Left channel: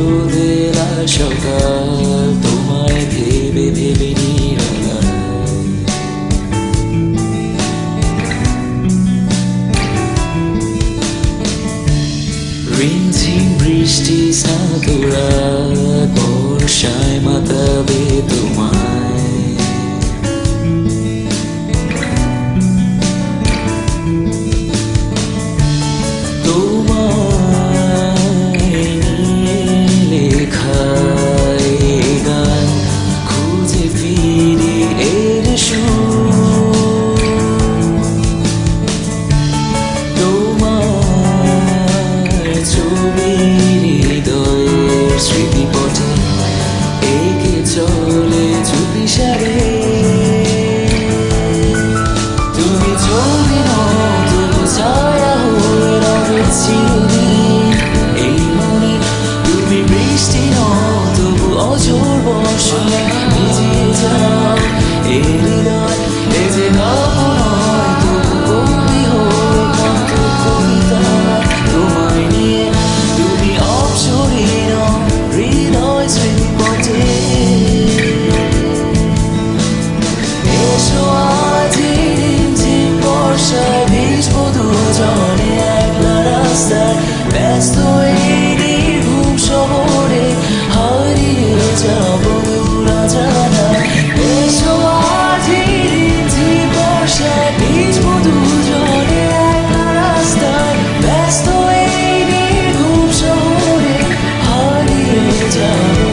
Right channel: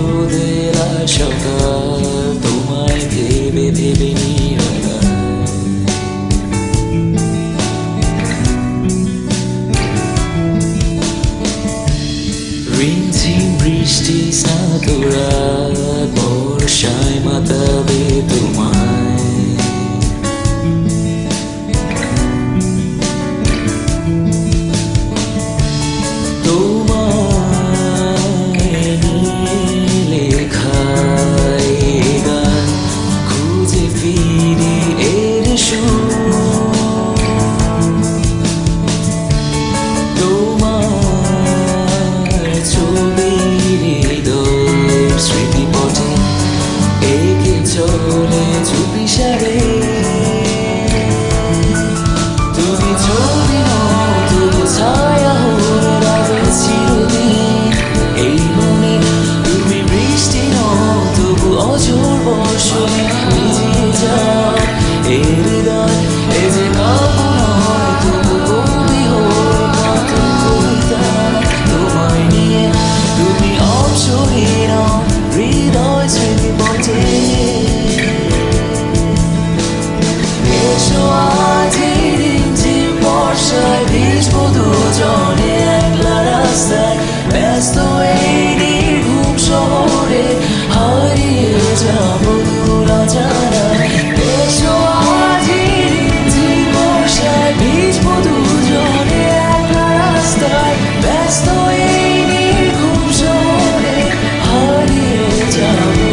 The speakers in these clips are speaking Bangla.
রোদেলা সকাল তোমায় ভেবে ভেবে নিরালায় রিমঝিম বৃষ্টি স্নাত রাত বর্ষায় মাতাবে তোমায় স্মৃতিপটে একে চলে চুপিসারে তুমি ছবি নও তবু ছায়া হয়ে রবে চিরদিন এই মনে তুমি বৃষ্টি নও তবু অঝোর বর্ষণে ভিজিয়ে যাও এ হৃদয় এ যে কাব্য নয় তবু কবি হয়ে কত কবিতা তোমায় নিয়ে তুমি অপসরী নও হৃদয় স্মৃতিপথে এসো আজ রিমঝিম বর্ষায় ভিজবো দুজনে একলা রাস্তায় ব্যস্ত এই নির্ঘুম শহরে হারিয়ে যাবো দূর অজানায় এসো আজ রিমঝিম বর্ষায় ভিজবো দুজনে একলা রাস্তায় ব্যস্ত এই নির্ঘুম শহরে হারিয়ে যাবো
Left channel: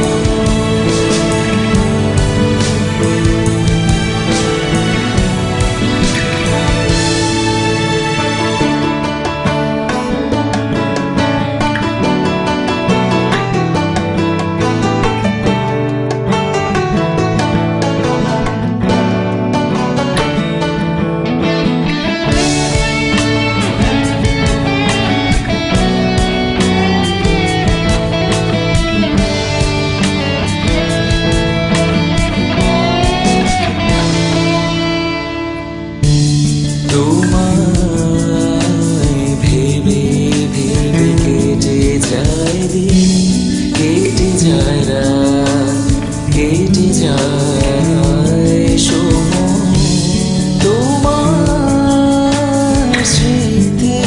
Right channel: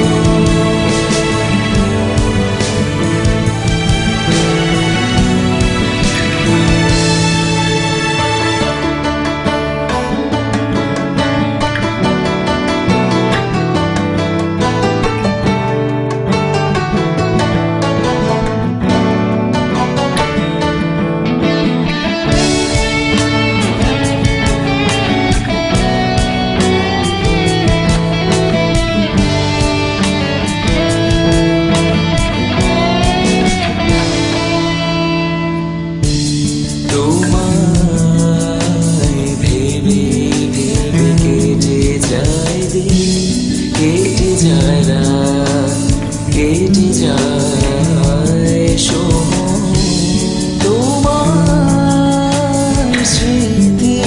তোমায় ভেবে ভেবে কেটে যায় দিন কেটে যায় রাত কেটে যায় সময় তোমার স্মৃতি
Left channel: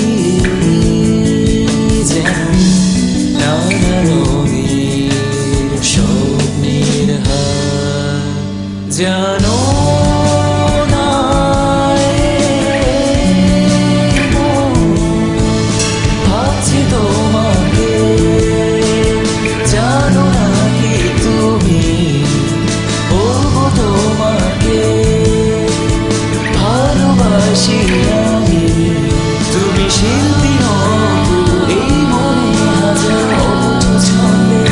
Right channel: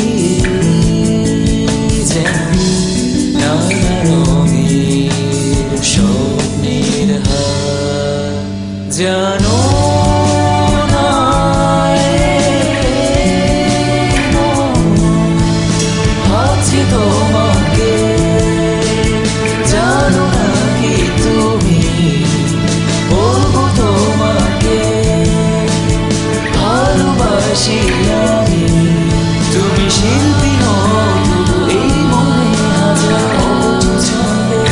যেন নানা রঙের স্বপ্নের হার জানো তোমাকে জানো না কি তুমি বলবো তোমাকে ভালোবাসি আমি তুমি শিল্পী নও তবু এই মনে হাজার অবচু ছন্দে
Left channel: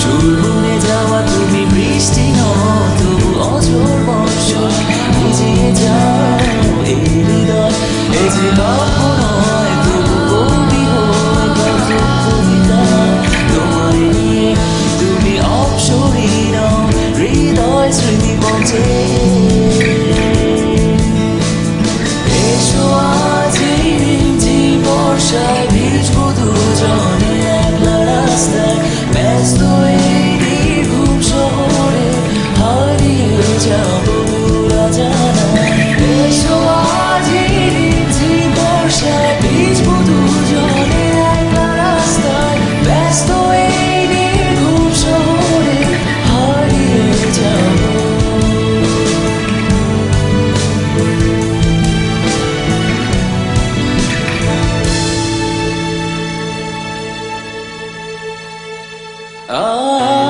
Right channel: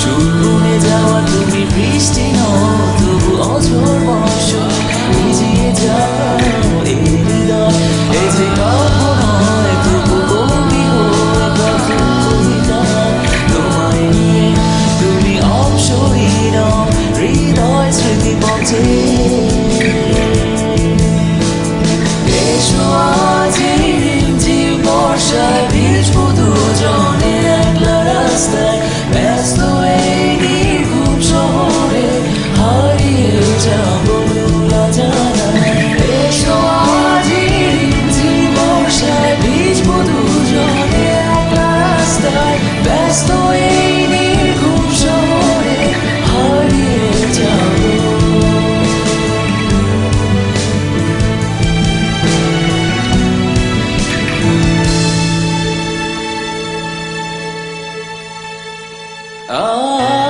সুর বুনে যাওয়া তুমি বৃষ্টি নও তবু অঝোর বর্ষণে ভিজিয়ে যাও এই হৃদয় এ যে কাব্য নয় তবু কবি হয়ে কত কবিতা তোমায় নিয়ে তুমি অপসরী নও হৃদয় স্মৃতিপথে এসো আজ রিমঝিম বর্ষায় ভিজবো দুজনে একলা রাস্তায় ব্যস্ত এই নির্ঘুম শহরে হারিয়ে যাবো দূর অজানায় এসো আজ রিমঝিম বর্ষায় ভিজবো দুজনে একলা রাস্তায় ব্যস্ত এই নির্ঘুম শহরে হারিয়ে যাবো Ah